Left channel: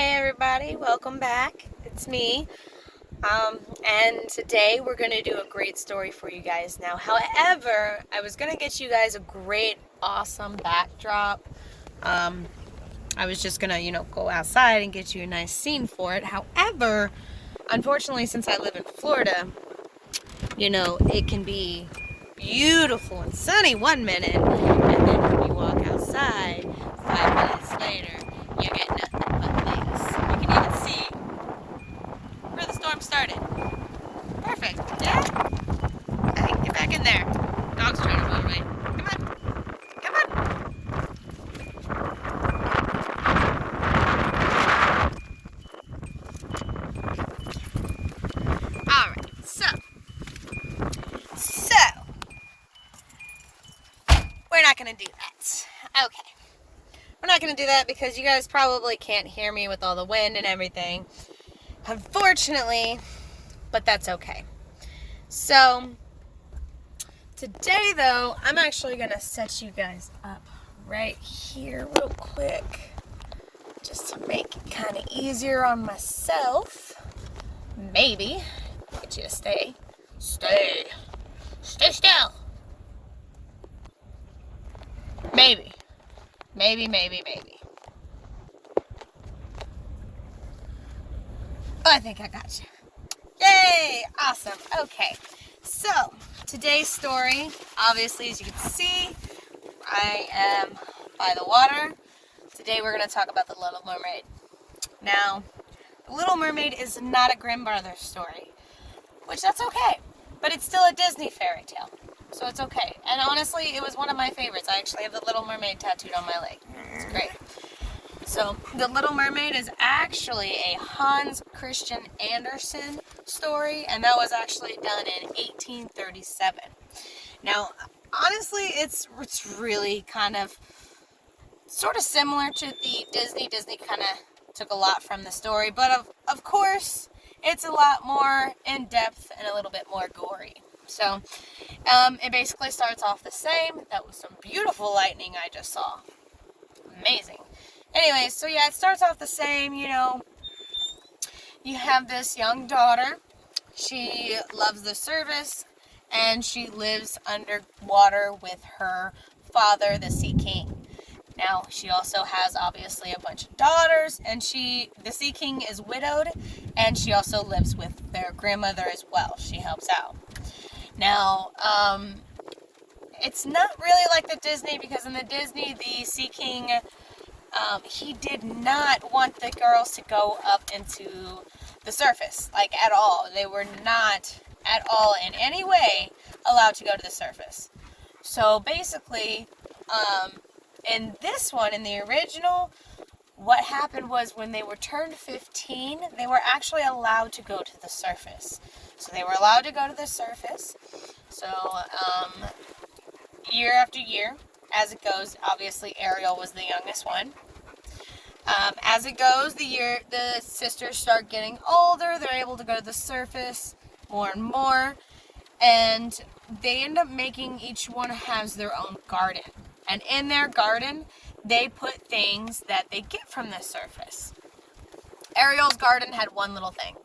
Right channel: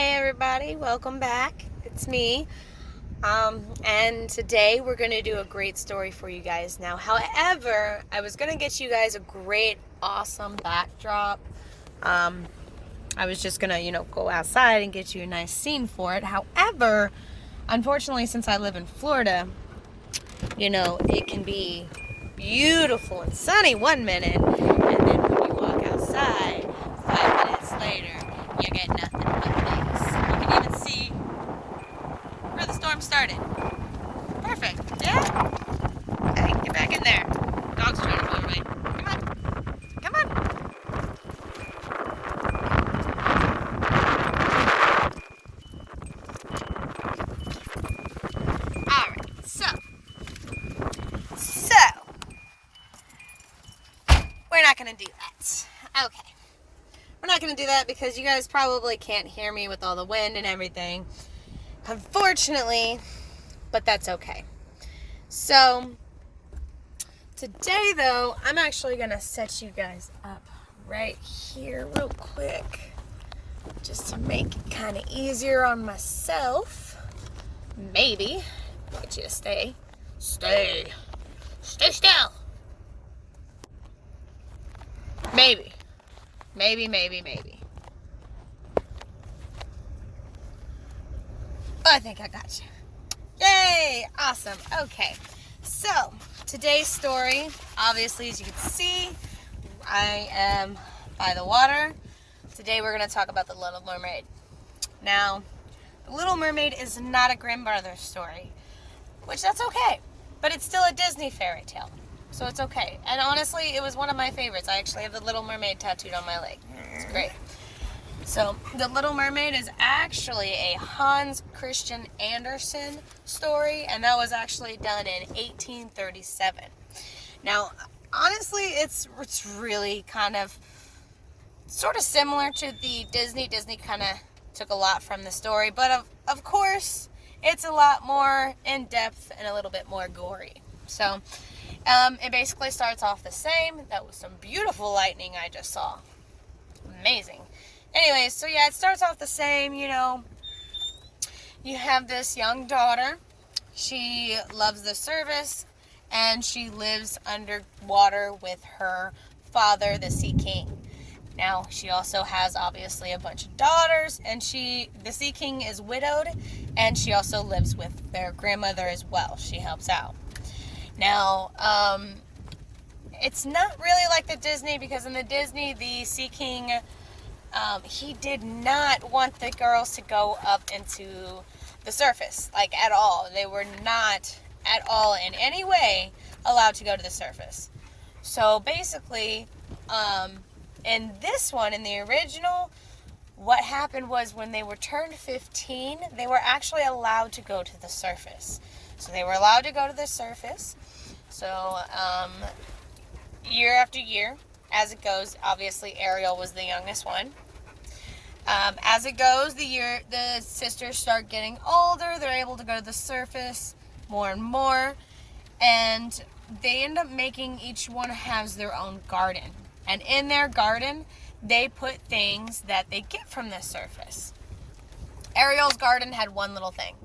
Hey everybody, welcome back. It's me. And today we're going to do a great story for you guys now. However, I was going to get you guys a great, awesome backdrop. I was just going to, go outside and get you a nice scene for it. However, unfortunately, since I live in Florida, it can be beautiful and sunny one minute, and then when you walk outside, 5 minutes later, you get nothing but things. You can even see where the storm started. Perfect, yeah? Hey, get back in there. Dog's trying to move, right? Come on. Come on. Alright, so, we're not going to do that. Okay. We're not going to do that because you guys probably can't hear me with all the wind and everything. Unfortunately, but that's okay. So, today though, I'm actually going to set you guys up right here real quick. Just to make it kind of easier on myself. Maybe. Get you to stay. Stay still. Maybe. I think I got you. Yay! Awesome. Okay. So, today's story, obviously, as you can see, I am by the water. Today we're going to talk about the Little Mermaid. Now, the Little Mermaid is not a Grimm Brothers story, which that's okay. But it's still a Disney fairy tale. So it's okay. And honestly, it was one of my favorites. I actually have the Little Mermaid tattooed on my leg. It's great. So, The Little Mermaid is actually a Hans Christian Andersen story, and that was actually done in 1837. Now, honestly, it's really kind of sort of similar to the Disney. Disney kind of took a lot from the story, but of course, it's a lot more in-depth and a little bit more gory. So, it basically starts off the same. That was some beautiful lightning I just saw. Amazing. Anyways, so yeah, it starts off the same, you have this young daughter. She loves the service, and she lives underwater with her father, the Sea King. Now, she also has, obviously, a bunch of daughters, and the Sea King is widowed, and she also lives with their grandmother as well. She helps out. Now, it's not really like the Disney, because in the Disney, the Sea King, he did not want the girls to go up into the surface, like at all. They were not at all in any way allowed to go to the surface. So basically, in this one, in the original, what happened was when they were turned 15, they were actually allowed to go to the surface. So they were allowed to go to the surface. So, year after year, as it goes, obviously Ariel was the youngest one. As it goes, the sisters start getting older. They're able to go to the surface more and more. And they end up making, each one has their own garden. And in their garden, they put things that they get from the surface. Ariel's garden had one little thing.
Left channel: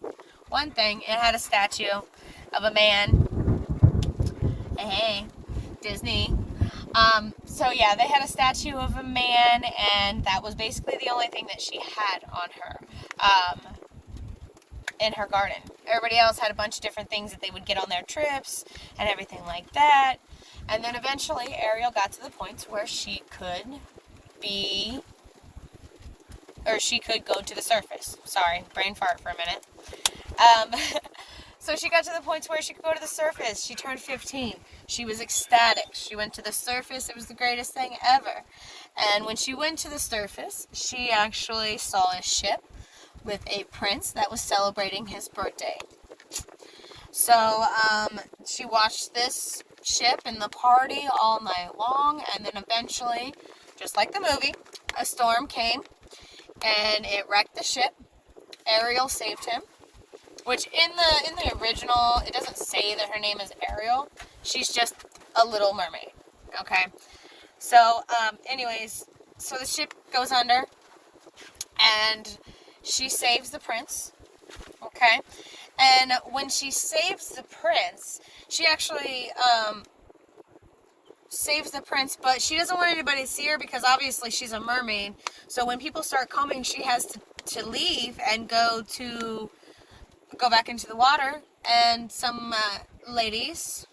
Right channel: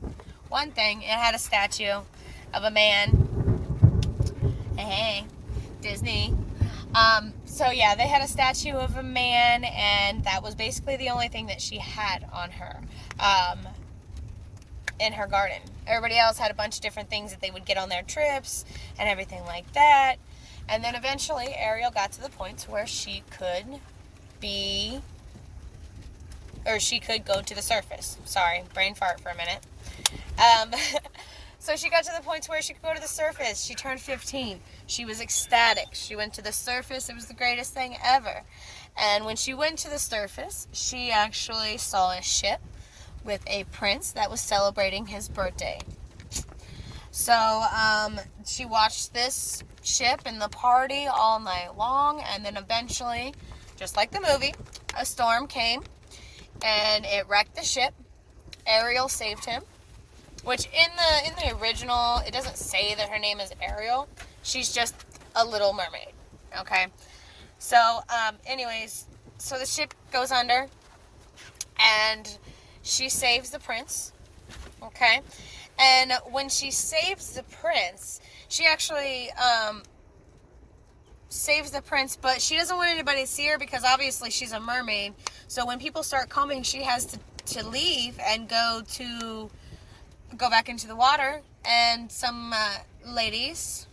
One thing, it had a statue of a man. Hey, Disney. So yeah, they had a statue of a man, and that was basically the only thing that she had on her, in her garden. Everybody else had a bunch of different things that they would get on their trips, and everything like that. And then eventually, Ariel got to the point where she could go to the surface. Sorry, brain fart for a minute. So she got to the point where she could go to the surface. She turned 15. She was ecstatic. She went to the surface. It was the greatest thing ever. And when she went to the surface, she actually saw a ship with a prince that was celebrating his birthday. So she watched this ship and the party all night long, and then eventually, just like the movie, a storm came and it wrecked the ship. Ariel saved him. Which in the original, it doesn't say that her name is Ariel. She's just a Little Mermaid. Okay? So, anyways, so the ship goes under, and she saves the prince, okay? And when she saves the prince, she actually saves the prince, but she doesn't want anybody to see her because obviously she's a mermaid. So when people start coming, she has to leave and go back into the water. And some ladies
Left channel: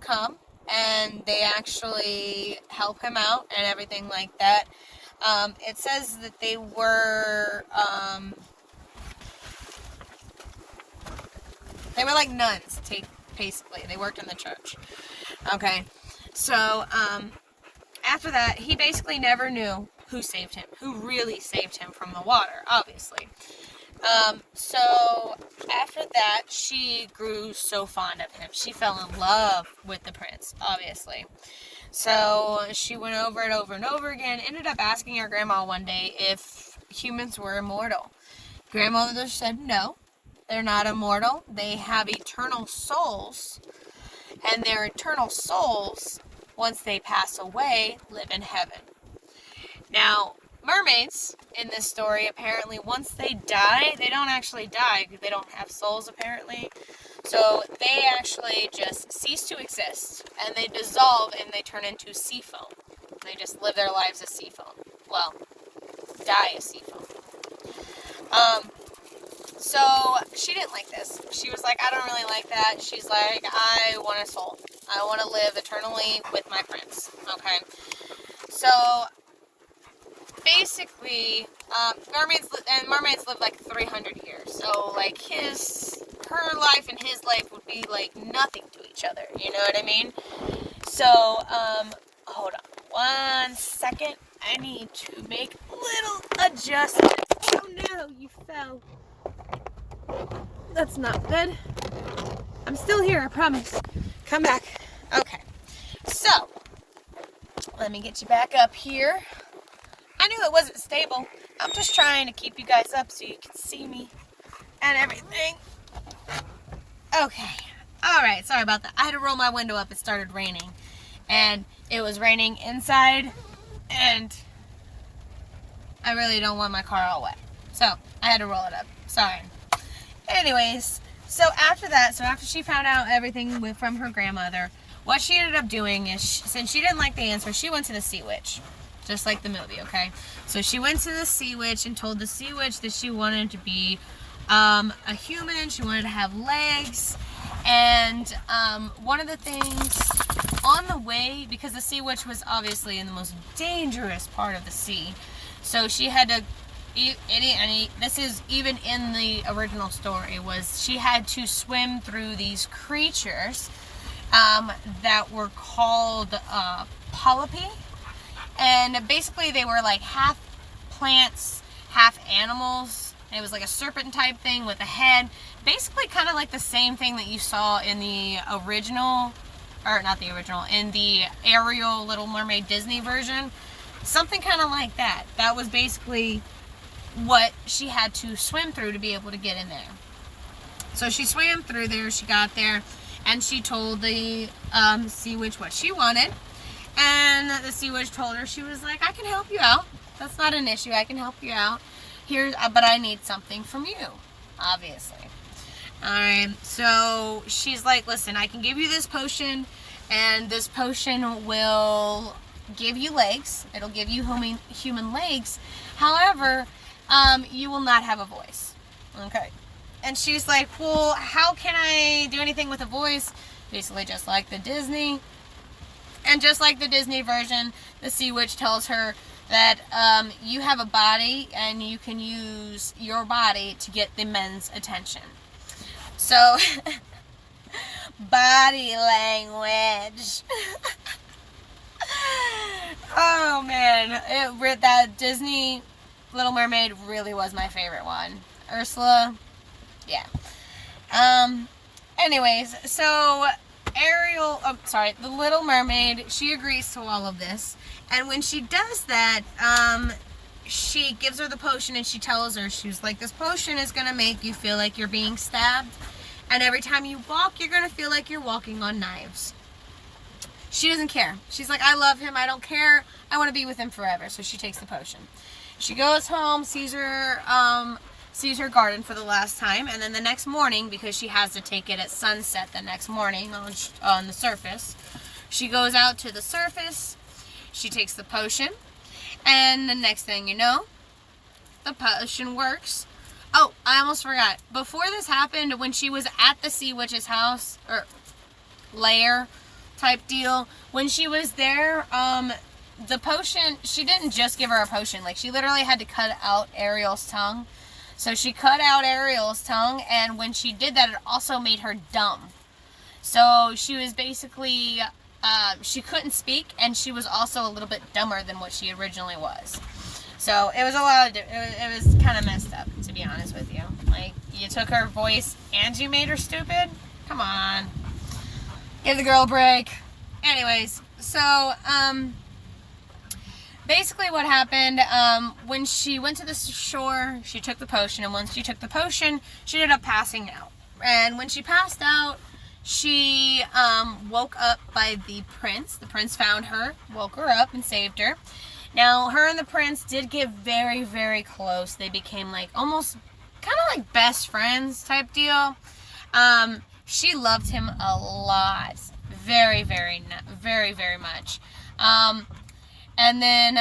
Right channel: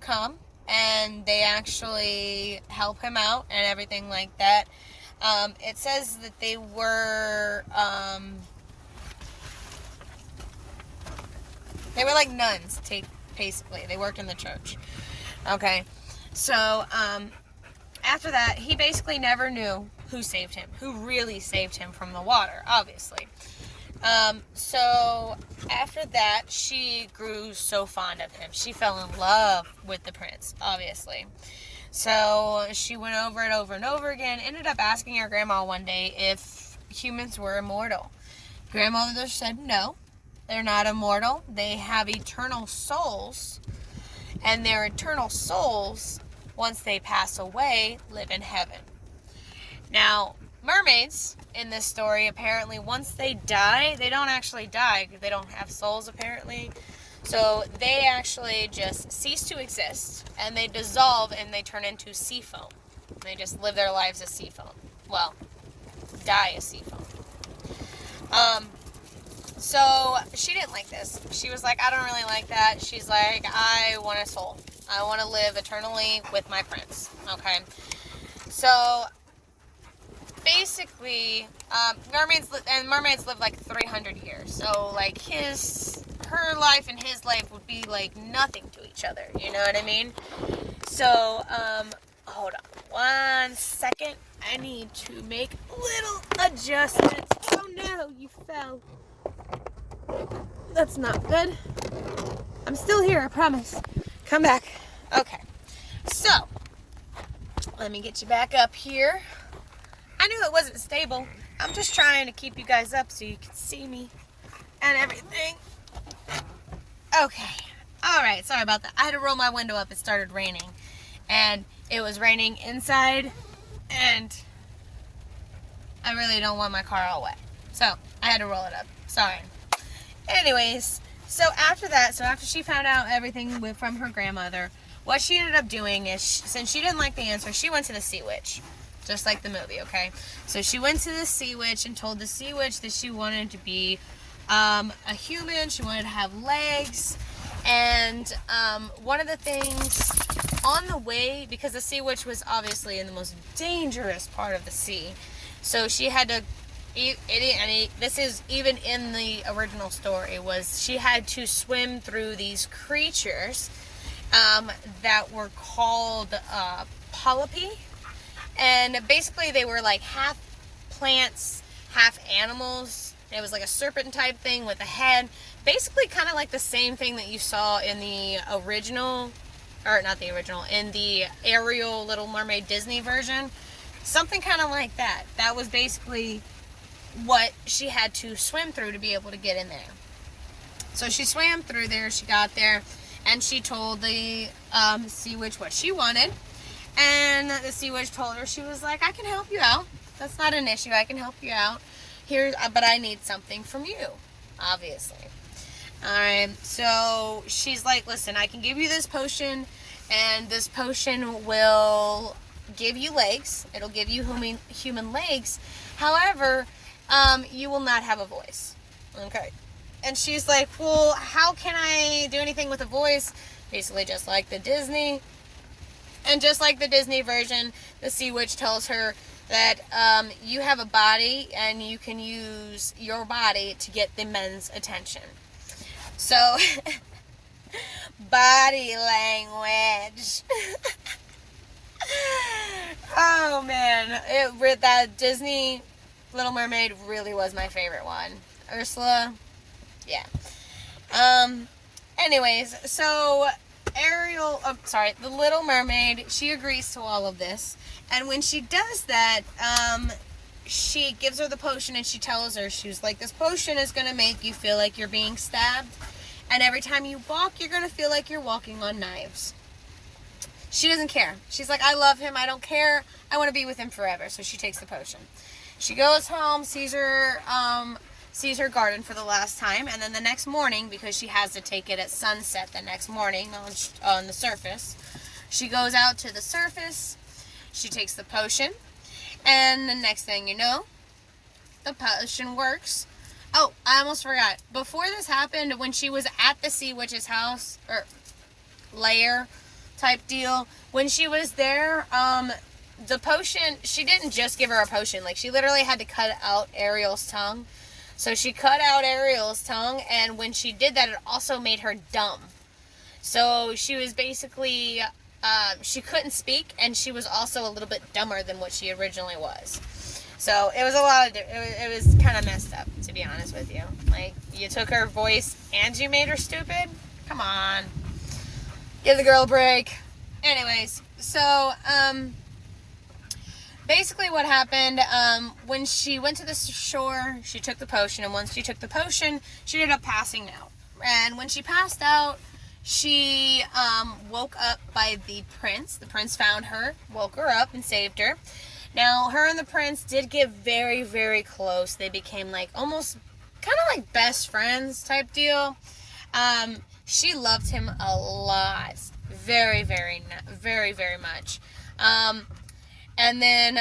come, and they actually help him out and everything like that. It says that they were like nuns, basically. They worked in the church. Okay. So, after that, he basically never knew who saved him, who really saved him from the water, obviously. So, after that, she grew so fond of him. She fell in love with the prince, obviously. So, she went over it over and over again, ended up asking her grandma one day if humans were immortal. Grandmother said no, they're not immortal. They have eternal souls, and their eternal souls, once they pass away, live in heaven. Now, mermaids in this story, apparently, once they die, they don't actually die. They don't have souls, apparently. So they actually just cease to exist, and they dissolve, and they turn into sea foam. They just live their lives as sea foam. Well, die as sea foam. So she didn't like this. She was like, I don't really like that. She's like, I want a soul. I want to live eternally with my prince. Okay. So basically, mermaids live like 300 years. So like her life and his life would be like nothing to each other. You know what I mean? So, hold on 1 second. I need to make a little adjustment. Oh no, you fell. That's not good. I'm still here, I promise. Come back. Okay. So, let me get you back up here. I knew it wasn't stable. I'm just trying to keep you guys up so you can see me and everything. Okay. Alright, sorry about that. I had to roll my window up. It started raining. And it was raining inside. And I really don't want my car all wet. So, I had to roll it up. Sorry. Anyways, so after she found out everything from her grandmother, what she ended up doing is, since she didn't like the answer, she went to the sea witch. Just like the movie, okay? So she went to the sea witch and told the sea witch that she wanted to be a human. She wanted to have legs. And one of the things on the way, because the sea witch was obviously in the most dangerous part of the sea, so she had to, this is even in the original story, was she had to swim through these creatures that were called polypi. And basically they were like half plants, half animals. It was like a serpent type thing with a head. Basically kind of like the same thing that you saw in the original, or not the original, in the Ariel Little Mermaid Disney version. Something kind of like that. That was basically what she had to swim through to be able to get in there. So she swam through there, she got there, and she told the sea witch what she wanted. And the sea witch told her, she was like, I can help you out. That's not an issue. I can help you out. But I need something from you, obviously. Alright, so she's like, listen, I can give you this potion, and this potion will give you legs. It'll give you human legs. However, you will not have a voice. Okay. And she's like, well, how can I do anything with a voice? Basically just like the Disney. And just like the Disney version, the sea witch tells her that you have a body and you can use your body to get the men's attention. So, body language. Oh man, that Disney Little Mermaid really was my favorite one. Ursula, yeah. Anyways, so the Little Mermaid, she agrees to all of this. And when she does that, she gives her the potion and she tells her, she was like, this potion is going to make you feel like you're being stabbed. And every time you walk, you're going to feel like you're walking on knives. She doesn't care. She's like, I love him. I don't care. I want to be with him forever. So she takes the potion. She goes home, sees her garden for the last time, and then the next morning, because she has to take it at sunset the next morning on the surface, she goes out to the surface, she takes the potion, and the next thing you know, the potion works. Oh, I almost forgot. Before this happened, when she was at the sea witch's house, or lair type deal, when she was there, the potion, she didn't just give her a potion. Like, she literally had to cut out Ariel's tongue. So she cut out Ariel's tongue, and when she did that, it also made her dumb. So she was basically, she couldn't speak, and she was also a little bit dumber than what she originally was. So it was a lot of, it was kind of messed up, to be honest with you. Like, you took her voice and you made her stupid? Come on. Give the girl a break. Anyways, so, basically what happened, when she went to the shore, she took the potion, and once she took the potion, she ended up passing out. And when she passed out, she woke up by the prince. The prince found her, woke her up, and saved her. Now, her and the prince did get very, very close. They became like almost kind of like best friends type deal. She loved him a lot. Very, very, very, very much. And then,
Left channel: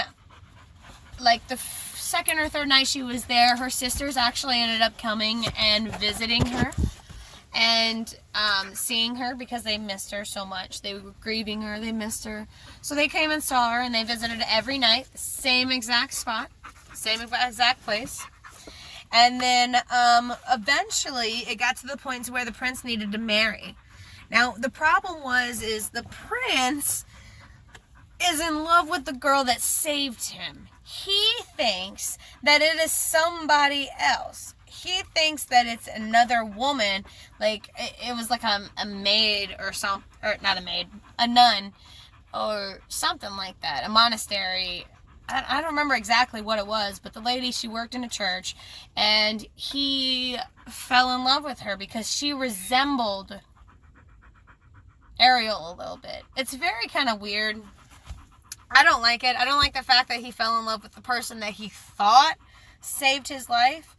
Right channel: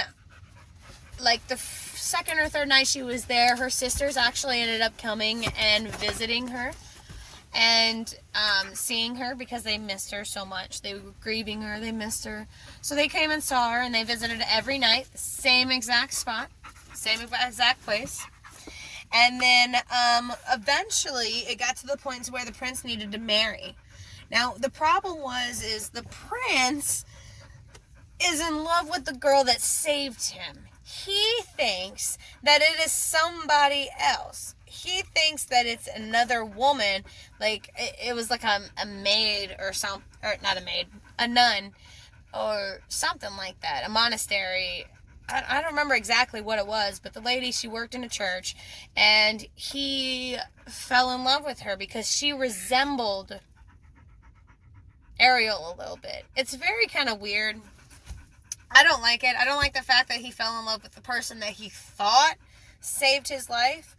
like, the second or third night she was there, her sisters actually ended up coming and visiting her and seeing her because they missed her so much. They were grieving her. They missed her. So they came and saw her, and they visited every night, the same exact spot, same exact place. And then, eventually, it got to the point where the prince needed to marry. Now, the problem is the prince is in love with the girl that saved him. He thinks that it is somebody else. He thinks that it's another woman, like it was like a maid or some, or not a maid, a nun or something like that, a monastery. I don't remember exactly what it was, but the lady, she worked in a church, and he fell in love with her because she resembled Ariel a little bit. It's very kind of weird. I don't like it. I don't like the fact that he fell in love with the person that he thought saved his life.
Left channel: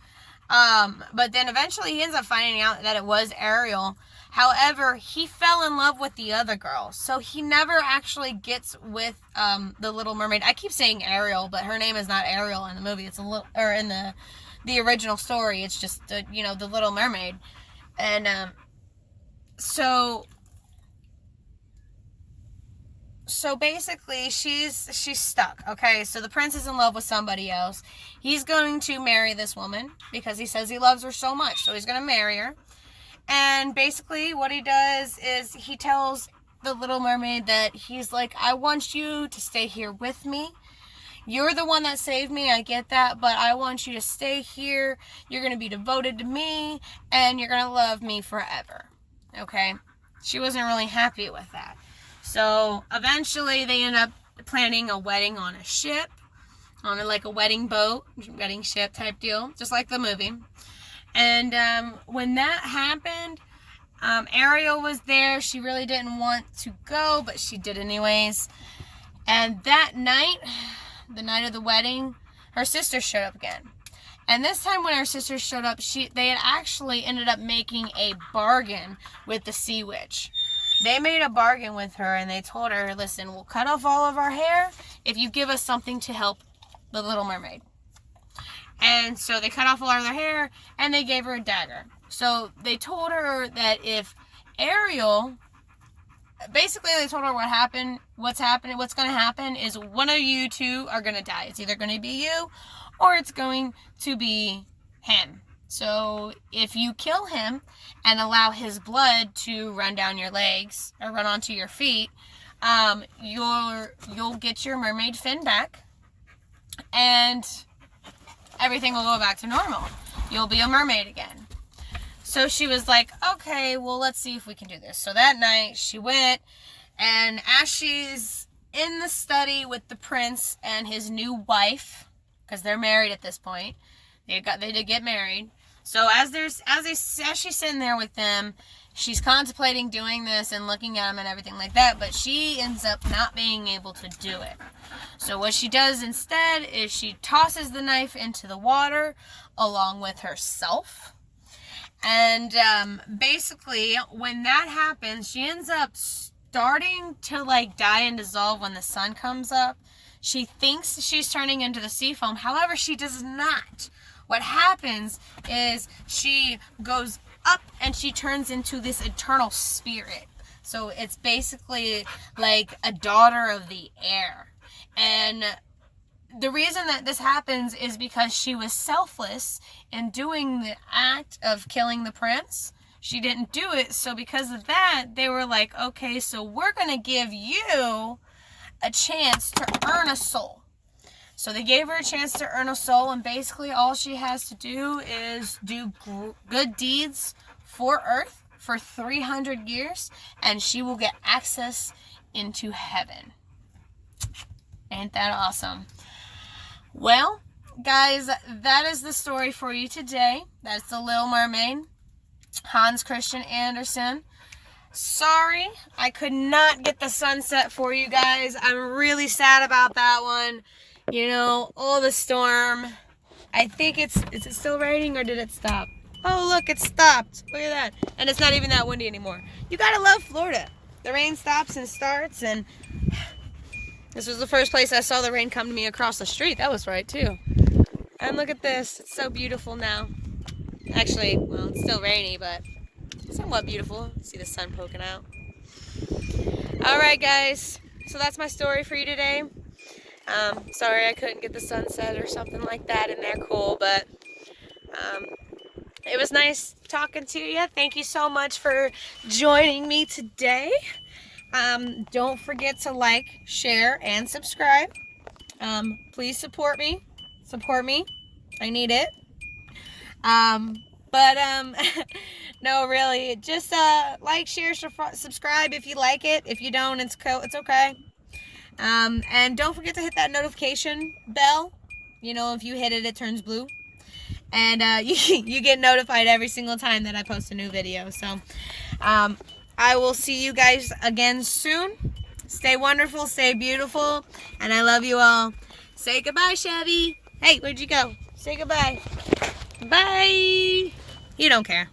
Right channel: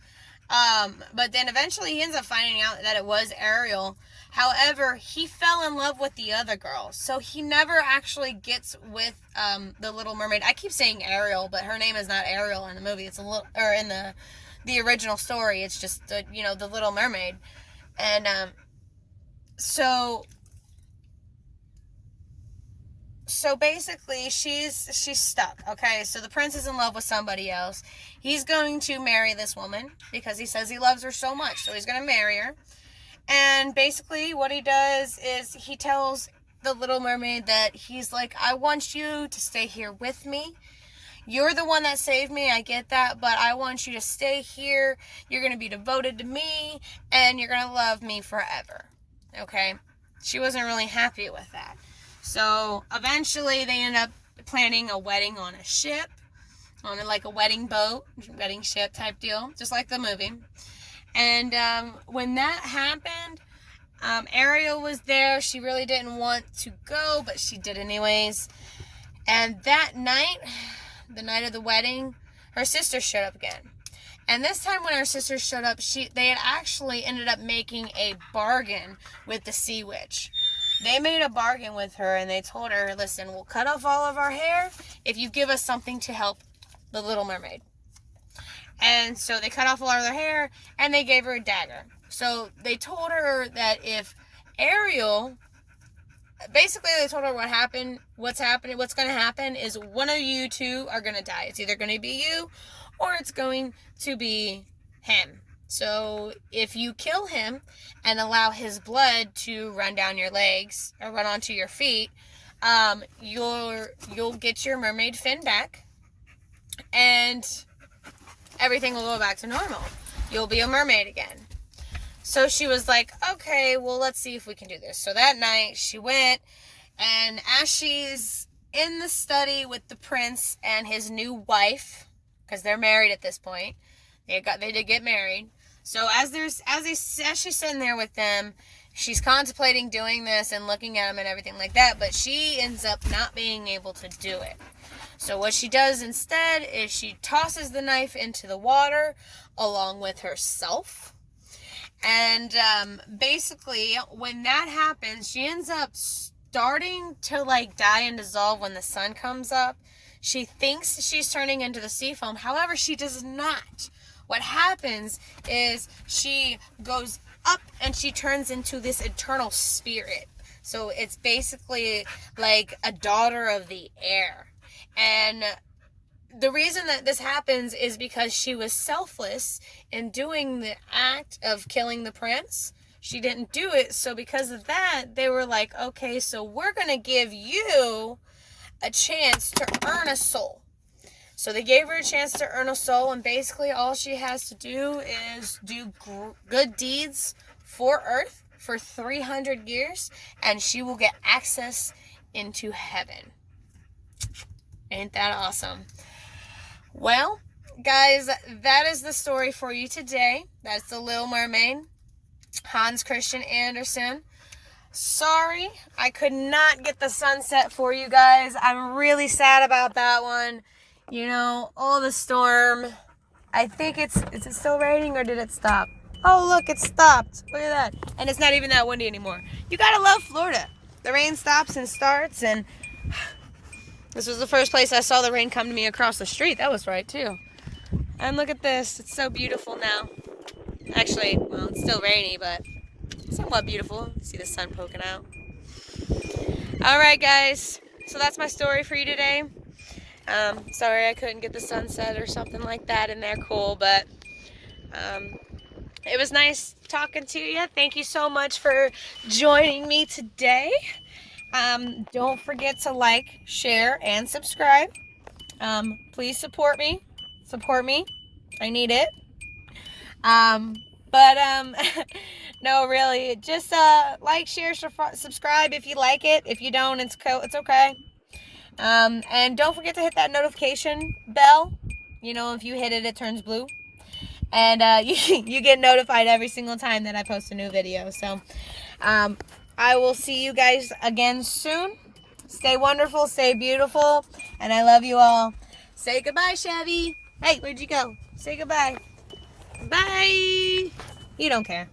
But then eventually he ends up finding out that it was Ariel. However, he fell in love with the other girl. So he never actually gets with the Little Mermaid. I keep saying Ariel, but her name is not Ariel in the movie. It's or in the original story. It's just the Little Mermaid. And So basically, she's stuck, okay? So the prince is in love with somebody else. He's going to marry this woman because he says he loves her so much. So he's going to marry her. And basically what he does is he tells the Little Mermaid that he's like, I want you to stay here with me. You're the one that saved me, I get that, but I want you to stay here. You're going to be devoted to me, and you're going to love me forever, okay? She wasn't really happy with that. So eventually they end up planning a wedding on a ship, on like a wedding boat, wedding ship type deal, just like the movie. And when that happened, Ariel was there. She really didn't want to go, but she did anyways. And that night, the night of the wedding, her sister showed up again. And this time when her sister showed up, they had actually ended up making a bargain with the sea witch. They made a bargain with her, and they told her, listen, we'll cut off all of our hair if you give us something to help the Little Mermaid. And so they cut off a lot of their hair, and they gave her a dagger. So they told her that if Ariel, basically they told her what's going to happen is one of you two are going to die. It's either going to be you, or it's going to be him. So if you kill him and allow his blood to run down your legs or run onto your feet, you'll get your mermaid fin back, and everything will go back to normal. You'll be a mermaid again. So she was like, okay, well, let's see if we can do this. So that night she went, and as she's in the study with the prince and his new wife, because they're married at this point, they did get married. So as she's sitting there with them, she's contemplating doing this and looking at them and everything like that, but she ends up not being able to do it. So what she does instead is she tosses the knife into the water along with herself. And basically, when that happens, she ends up starting to like die and dissolve when the sun comes up. She thinks she's turning into the sea foam. However, she does not. What happens is she goes up and she turns into this eternal spirit. So it's basically like a daughter of the air. And the reason that this happens is because she was selfless in doing the act of killing the prince. She didn't do it, so because of that, they were like, okay, so we're going to give you a chance to earn a soul. So they gave her a chance to earn a soul, and basically all she has to do is do good deeds for Earth for 300 years, and she will get access into heaven. Ain't that awesome? Well, guys, that is the story for you today. That's the Little Mermaid, Hans Christian Andersen. Sorry, I could not get the sunset for you guys. I'm really sad about that one. You know, all the storm. I think is it still raining or did it stop? Oh, look, it stopped. Look at that. And it's not even that windy anymore. You gotta love Florida. The rain stops and starts, and this was the first place I saw the rain come to me across the street. That was right, too. And look at this. It's so beautiful now. Actually, well, it's still rainy, but somewhat beautiful. See the sun poking out. All right, guys. So that's my story for you today. Sorry I couldn't get the sunset or something like that in there cool, but it was nice talking to you. Thank you so much for joining me today. Don't forget to like, share, and subscribe. Please support me. Support me. I need it. No, really, just like, share, subscribe if you like it. If you don't, it's okay. And don't forget to hit that notification bell. You know, if you hit it, it turns blue. And you get notified every single time that I post a new video. So, I will see you guys again soon. Stay wonderful, stay beautiful, and I love you all. Say goodbye, Chevy. Hey, where'd you go? Say goodbye. Bye. You don't care.